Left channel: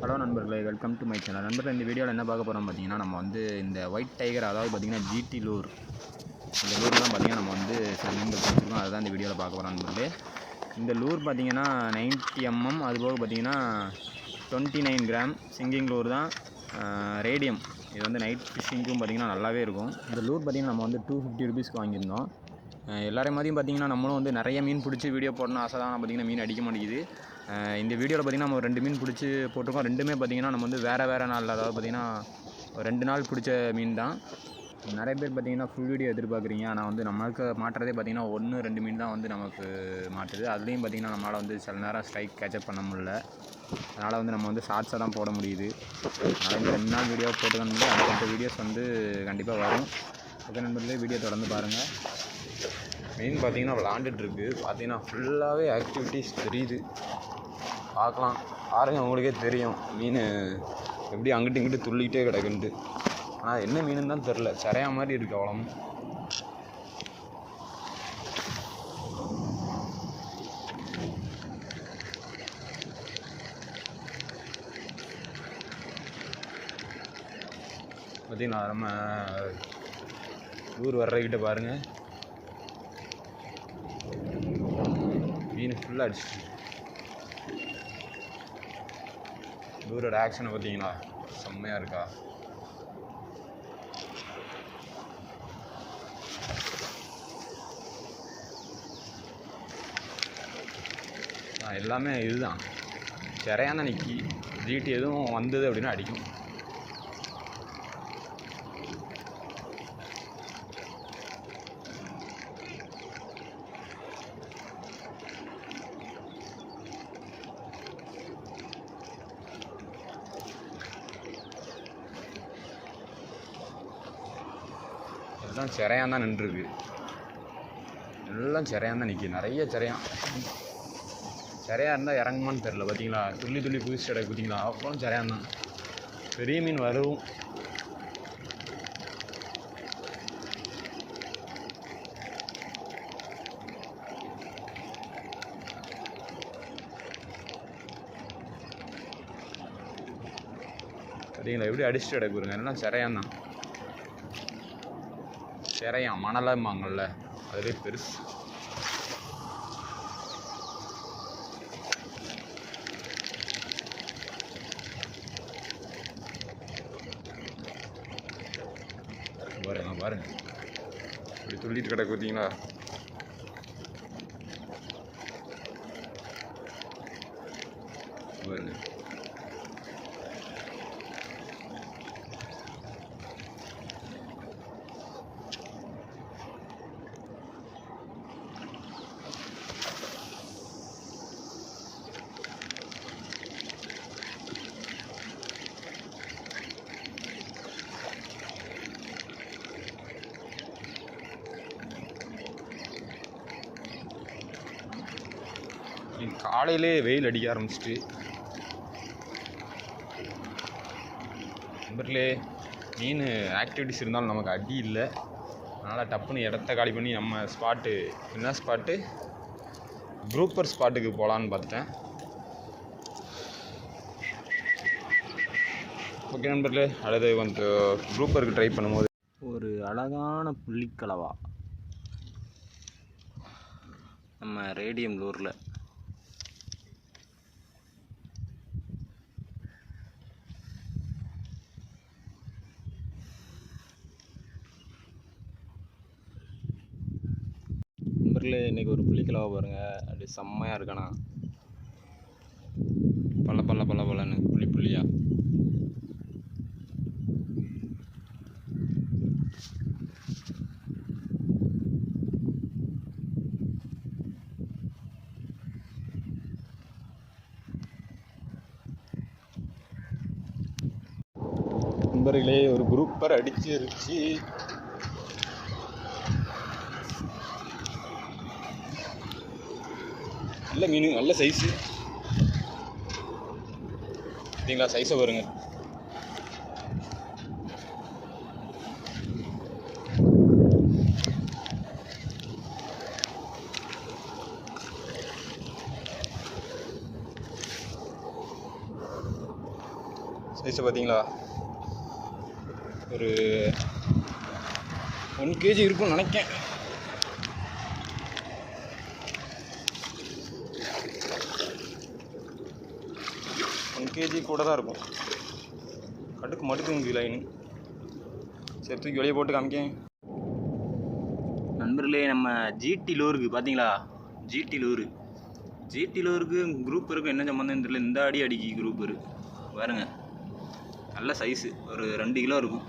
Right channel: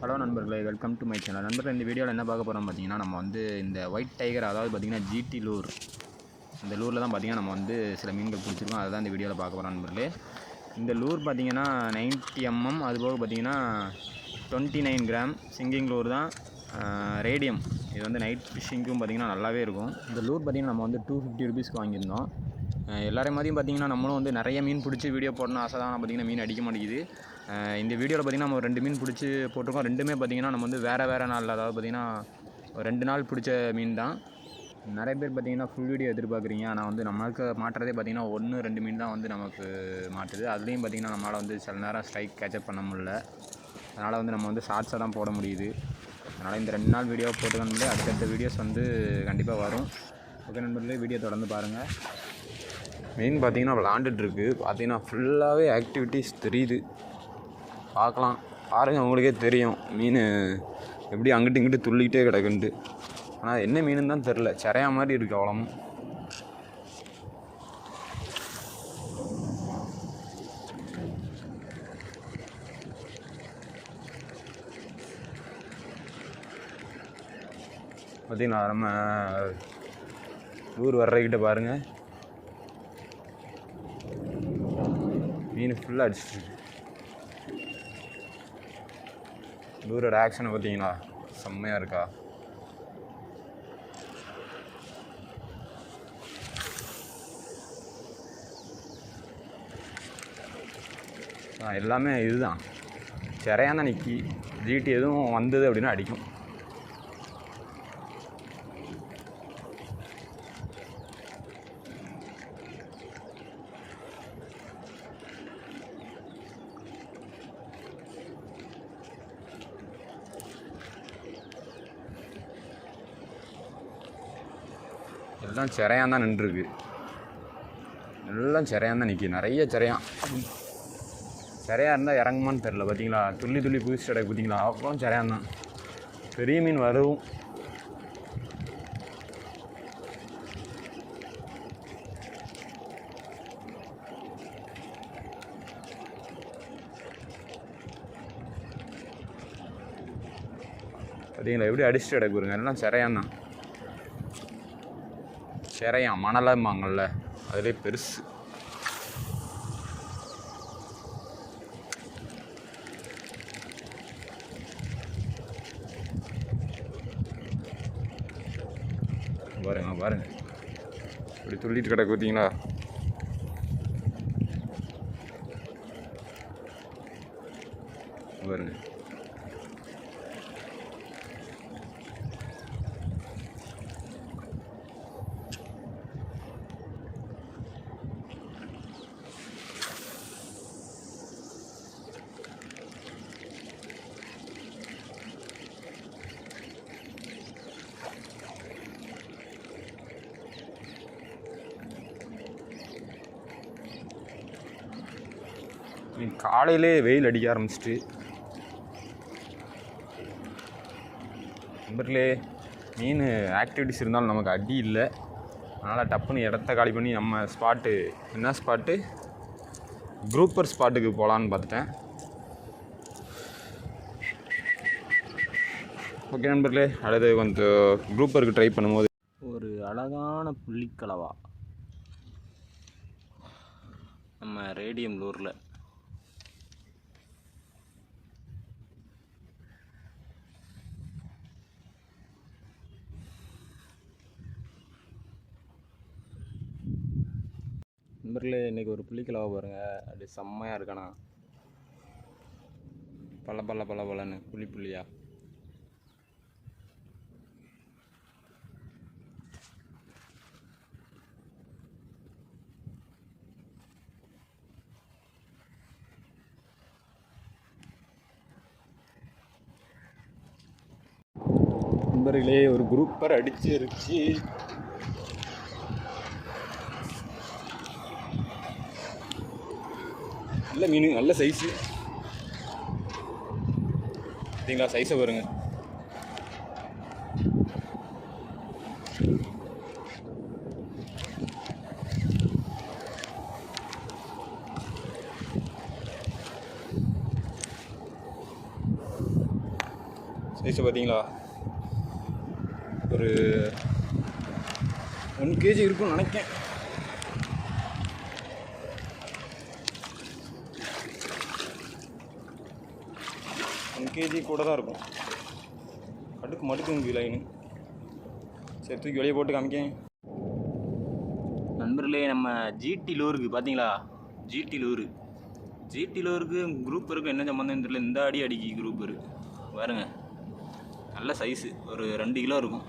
Hello நண்பர்களே, welcome to my channel. நண்பர்களே, இந்த வீடியோவில் என்ன பார்க்க போகிறோம் பார்த்தீங்கன்னா, நம்ம வந்து இந்த ஒயிட் டைகர், அதாவது பார்த்தீங்கன்னா ஜிடி லூர், இந்த லூரில் தான் பார்த்தீங்கன்னா நம்ம வந்து சில மீன்கள் பிடிச்சிருக்கோம். அதை தான் இந்த வீடியோவில் பார்க்க போகிறோம் நண்பர்களே. இந்த லூர் பார்த்தீங்கன்னா 90 mm, அதுபோக பார்த்தீங்கன்னா 29 கிராம் சிங்கிங் லூர் தான். ரேடியம், இது வந்து நைட் ஃபிஷ்ஷிங்க்கும் பார்த்தீங்கன்னா நல்லாவே இருக்கும். இந்த லூர் பார்த்தீங்கன்னா நம்ம வந்து 250 ரூபீஸ்க்கு வாங்கியிருந்தோம். எல்லாரையும் மாதிரியும் பார்த்தீங்கன்னா நம்மளும் வந்து நிறைய மீன் பிடிச்சி வீடியோ போடணும் ஆசை தான். பார்த்தீங்கன்னா மீன் அடிக்க மாட்டேங்குது. இந்த வீடியோவில் பார்த்திங்கன்னா நம்ம 2 மீன் பிடிச்சி போட்டிருக்கோம். ரெண்டுமே பார்த்திங்கன்னா நம்ம வந்து வேறு நாளில், அதாவது பார்த்திங்கன்னா 2 நாள் பிடிச்ச மீன் தான். நிறைய பேர் பார்த்திங்கன்னா ஃபுல் வீடியோ எதிர்பார்க்குறீங்க. ஆனால் வந்து நம்மளுக்கு மாட்டுறதே பார்த்திங்கன்னா 1-2 மீன் தான் வந்து நமக்கு மாட்டுது. அதுலேயும் பார்த்திங்கன்னா நம்மளால் வந்து சில நேரம் ஸ்ட்ரைக் கேட்சப் பண்ண முடியல. அதனால் வந்து நம்ம வந்து ஷார்ட்ஸாக தான் போட முடியுது. அதனால் இந்த 2 நாள் வீடியோ போட்டுக்கணும். அடுத்தடுத்த வீடியோஸ் வந்து கண்டிப்பாக வரும். ஓகே நண்பர்களே, வீடியோ தொடர்ந்து பாருங்கள். மெயின் பார்த்திங்கன்னா விளாண்டுட்டுருக்கு. பார்த்திங்கன்னா ஃபுல்லாகவே ஆக்டிவிட்டீஸ் தெரியுது. பார்க்கலாம், பாருங்கள், உங்களுக்கே தெரியும் மீன் எப்படி அங்கிட்டு இங்கிட்டு துள்ளிக்கிட்டே கிடக்குன்ட்டு. ஆனால் என்ன மீனுன்னு தான் தெரில, சிறையா மாதிரி இருக்குது அவ்வளோ. பார்த்திங்கன்னா நம்ம ஊர் வர்றக்கிட்ட பாருங்கள், மீன் ஃபுல்லாக அடிச்சிட்டு. ஊரோட ஆக்ஷனை பார்த்தீங்களா, செம்மையாக இருக்கா. எல்லாமே இதுதான், சிறையாக தான் நிற்கி. ஜிடி எதுவும் வந்தது அப்படின்னா அடிக்கும். எல்லாம் சிறையாக தான் நின்றுருக்கு. எல்லாம் சிறையாக தான் நிற்கி. நிறைய சிறையாக இருந்தால் இறங்குமான்னு தெரில. பார்த்தீங்களா, துள்ளி குதிச்சு கிடக்கு. பார்த்தீங்களா, அப்புறம் சிறையாக தான். பெரிய மீன் வரும். பார்த்தீங்களா எப்படி அடிச்சுட்டு கிடக்குறங்க. எல்லாம் சிறையாக தான். சிறையான் மணலாம்பாங்கள்ல, அதிலே பெருசு. பாருங்க இப்படி துள்ளிட்டு கிடக்கு. பார்த்தீங்களா, பாருங்க. காலையிலே வெயில் அடிக்க ஆரம்பிச்சிட்டு. நண்பர்களே, மீன் ஆக்டிவிட்டிஸ் இருந்தாலும் நமக்கு அடி இல்லை. அதனால் டப்புன்னு இடத்த காலி பண்ணி நம்ம ஸ்பாட்டு, என்ன ஸ்பாட்டு, குரூப்பர் ஸ்பாட்டுக்கு போகலான்னு பார்த்துட்டேன். ஓகே நண்பர்களே, அடுத்து கொஞ்சம் குரூப்பருக்கு ட்ரை பண்ணும்போது ஒரு அழகான புள்ளிக்கலவா நம்ம ரேடியம் லூரில். நண்பர்களே, இன்றைக்கி ஒரு புள்ளிக்கலவா பாருங்கள், அப்படி செம்மையாக இருக்கானா. பல்லன்னு புள்ளியாக. நண்பர்களே, ஒரு குரூப்பர் அடிச்சிருச்சு. நல்ல மீன், நல்ல சைஸு. பார்த்தீங்களா, சைஸை பாருங்க. சைஸை பார்த்தீங்களா, ஒரு 1 kg இருக்குன்னு நினைக்கேன். kg கூட தான் இருக்கும். கடுக்கு மடுக்குங்க லைன். சரி தூக்கி வெளியே போட்டு காமிக்கேன். நண்பர்களே, நம்ம ஜிடி லூருக்கு பார்த்தீங்களா, ஜிடி லூருக்கு குரூப் இருக்கும். என்ன சம்மந்தம் தெரியல, இந்த அடி அடிக்கி குரூப் இருக்குது பாருங்க. நல்ல சைஸு, ஒரு 2 கிலோ இருக்கும்.